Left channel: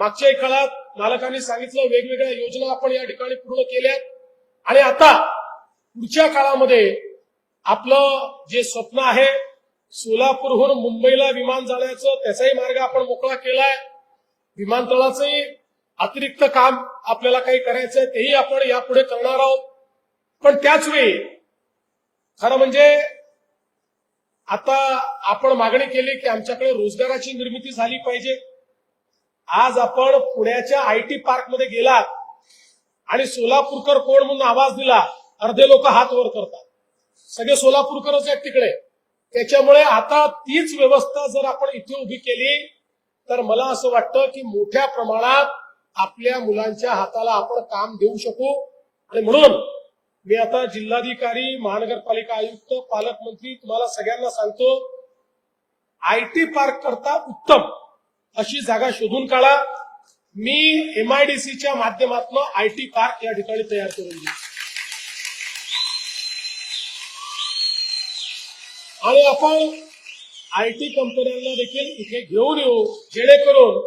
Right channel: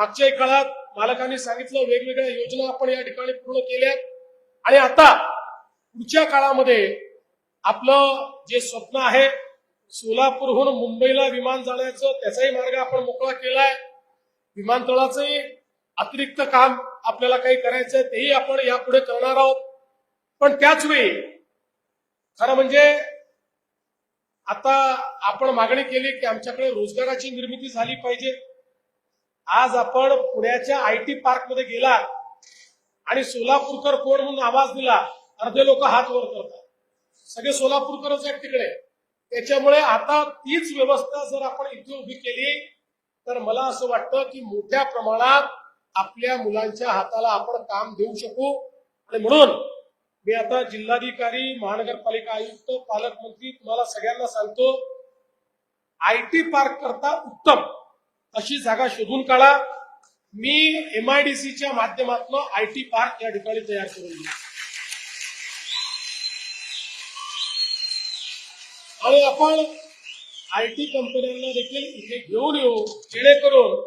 मागच्याही काळात पालकांनी सांगितलं वेगवेगळ्या योजना आपण या ठिकाणी पूर्ण केल्या आणि आता पुढच्या काळामध्ये आपलं जे स्वप्न आहे सोलापूरहून मुंबईला विमान जाण्याचं त्याचाही मार्ग आपण मोकळा केलाय विमानतळाचंही अतिरिक्त काम आपल्याला काही करायचंय तेही आपण यापुढे करणार आहोत पण त्याच वेळी खरं म्हणजे आता आपण मागणी केली की आमच्याकडे रोजगाराची निर्मिती झाली पाहिजे आज आपण पुण्याच्या आय टी पार्क मध्ये गेलात आणि सोलापूरकर कोण म्हणून आवाज दिला अर्धे लोक हात वर करतात सगळे सोलापूरकरच आहेत तिकडे त्याच्यामुळे आता तीच व्यवस्था जर आपण इथे उभी केली तर मला असं वाटतं की मोठ्या प्रमाणात आपल्या मुलांच्या हाताला आपण काम देऊ शकू आणि म्हणून मी आता जिल्हाधिकारी महानगरपालिका आयुक्त पालकमंत्री तुम्हाला सगळ्यांना सांगतो आय पार्क करता उत्तम अशी जागा शोधून काढा मी एमआयडीसीच्या माध्यमातून आय टी पार्क या ठिकाणी तयार करून आणि आपण आय टी कंपन्यांना देखील इथे घेऊन येऊ जेणेकरून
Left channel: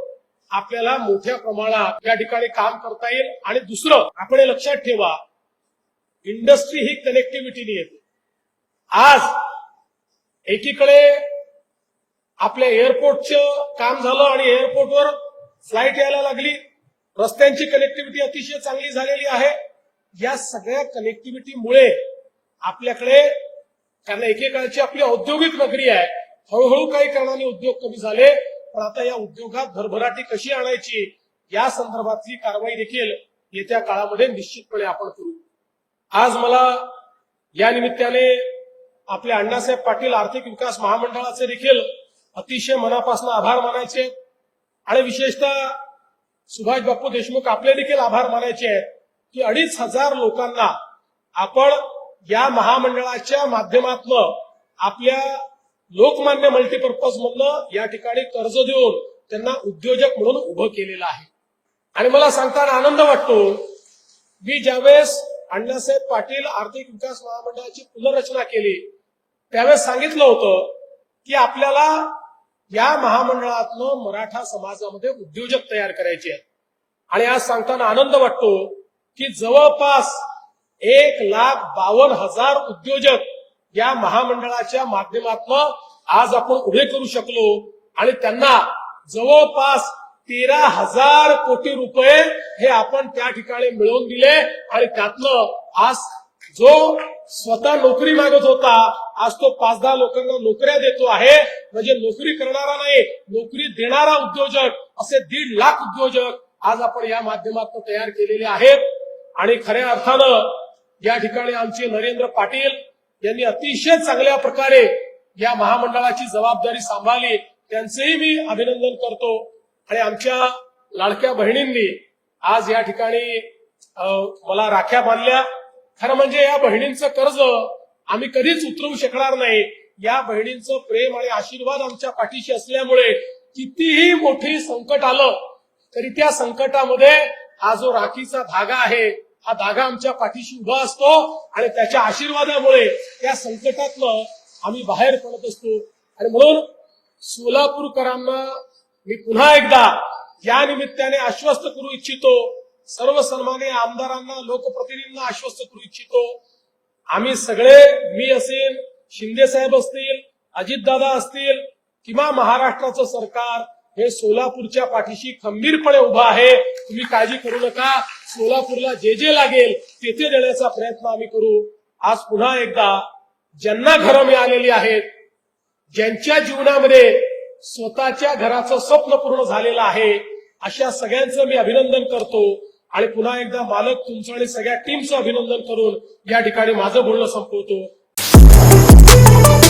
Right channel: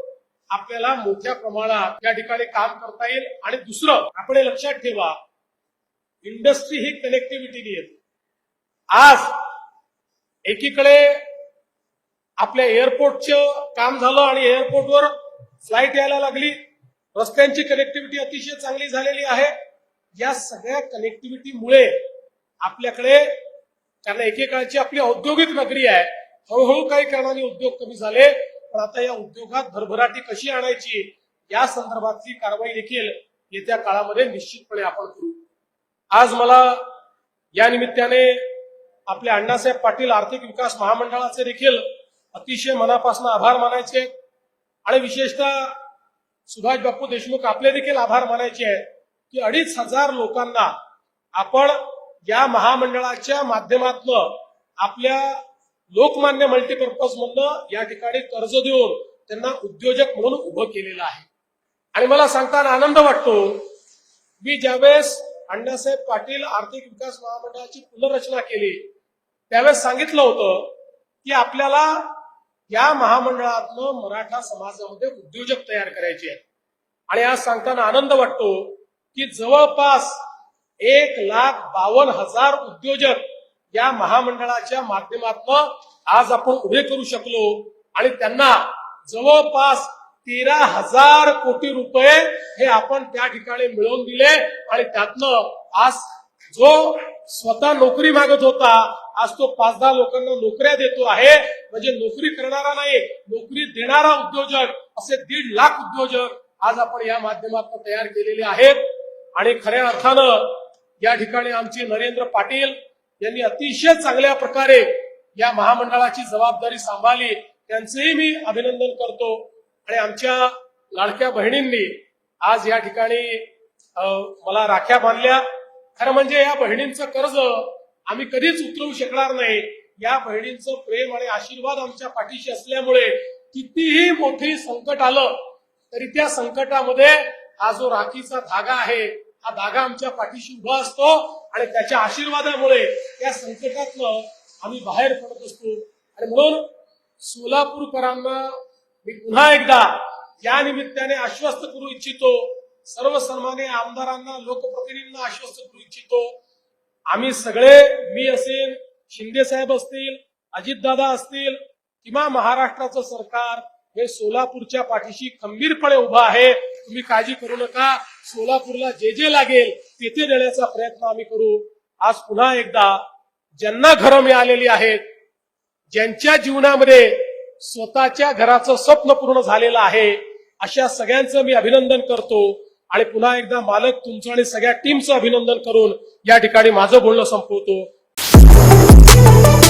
आपल्याला मोठ्या प्रमाणात या ठिकाणी काम करता येईल आणि दुसरं आपण लक्षात ठेवा इंडस्ट्री ही कनेक्टिव्हिटी येते आज एकीकडे आपल्या एअरपोर्टचं काम झालं आणि एअरपोर्टवर फ्लाईट यायला लागली रस्त्यांची कनेक्टिव्हिटी अतिशय चांगली झालेली आहे या सगळ्या कनेक्टिव्हिटीमुळे आपल्याकडे त्यांना एकेकाळची आपली औद्योगिक नगरी आहे हळूहळू काही कारणाने उद्योग कमी झाले पण आता या उद्योगात भरभराटी कशी आणायची या संदर्भातली कारवाई देखील येत्या काळामध्ये निश्चितपणे आपण करू आज मला या निमित्ताने आपले अण्णासाहेब पाटील आर्थिक विकास महामंडळाचे देखील अतिशय मनापासून आभार मानायचे आणि विशेषतः सुभाष बापू देशमुख आपले देखील आभार मानायचे आहेत की अडीच हजार लोकांना आपण या महामंडळाच्या माध्यमातून आपल्या लोकमान्य मल्टीपर्पज मधनं या ठिकाणी कर्ज देऊन त्यांना उद्योजक म्हणून उभं केलेलं आहे आणि मला सांगताना आनंद वाटतो मी ज्यावेळेस अण्णासाहेब पाटील आर्थिक विकास महामंडळाची पुनर्रचना केली त्यावेळेस सांगितलं होतं की आपल्याला या महामंडळातलं मराठा समाजामध्ये उद्योजक तयार करायचे आणि आज सांगताना आनंद वाटतो की जवळपास एक लाख बावन हजार उद्योजक या महामंडळाच्या माध्यमातून आज आपण उभे करू शकलो आणि त्यांना जवळपास तेरा हजार कोटी रुपये हे आपण त्या ठिकाणी मिळवून दिले आणि त्यातनं आज जो स्वतः नोकरी मागत होता आज तो पाच दहा लोकांना नोकऱ्या देतो आहे म्हणजे नोकरी करणारा नाही नोकरी देणारा उद्योजक असे दीड लाख उद्योजक आज आपण या माध्यमातून तयार केलेले आहेत आणि खऱ्या अर्थानं या ठिकाणी आमचे नरेंद्र पाटील यांनी अतिशय चांगल्या प्रकारे या महामंडळाची जबाबदारी सांभाळली त्यांचेही मी अभिनंदन करतो आणि आमच्या लाडक्या बहिणींनी आज या ठिकाणी मला राख्या बांधल्या खरं म्हणजे या बहिणींचं कर्ज आम्ही कधीच उतरवू शकणार नाही या बहिणींचं प्रेम आणि आशीर्वाद आमच्या पाठीशी असल्यामुळे कितीही मोठी संकट आलं तरी त्या संकटामध्ये हा जो राखीचा धागा आहे हा धागा आमच्या पाठीशी उभा असतो आणि त्याच्या आशीर्वादामुळे त्या संकटात आम्ही बाहेर पडत असतो आणि म्हणून सोलापूरकरांना मी पुन्हा एकदा या निमित्ताने आश्वस्त करू इच्छितो सर्व सर्वांनी आमदारांना लोकप्रतिनिधींना आश्वस्त करू इच्छितो आम्ही सगळे मी असेल शिंदे साहेब असतील अजितदादा असतील किंवा महाराष्ट्राचं सरकार हे सोलापूरच्या पाठीशी खंबीरपणे उभं आहे तुम्ही काळजी करू नका सोलापूरला जे जे लागेल तेथे देण्याचा प्रयत्न आम्ही करू आज पुन्हा एकदा ज्यांना घरं मिळालेली आहेत ज्यांच्या जीवनामध्ये स्वतःच्या घराचं स्वप्न पूर्ण झालेलं आहे अशा सगळ्यांचं मी अभिनंदन करतो आणि पुन्हा एकदा मालक तुमचं आणि सगळ्या टीमचं अभिनंदन करून या ठिकाणी माझं बोलणं संपवतो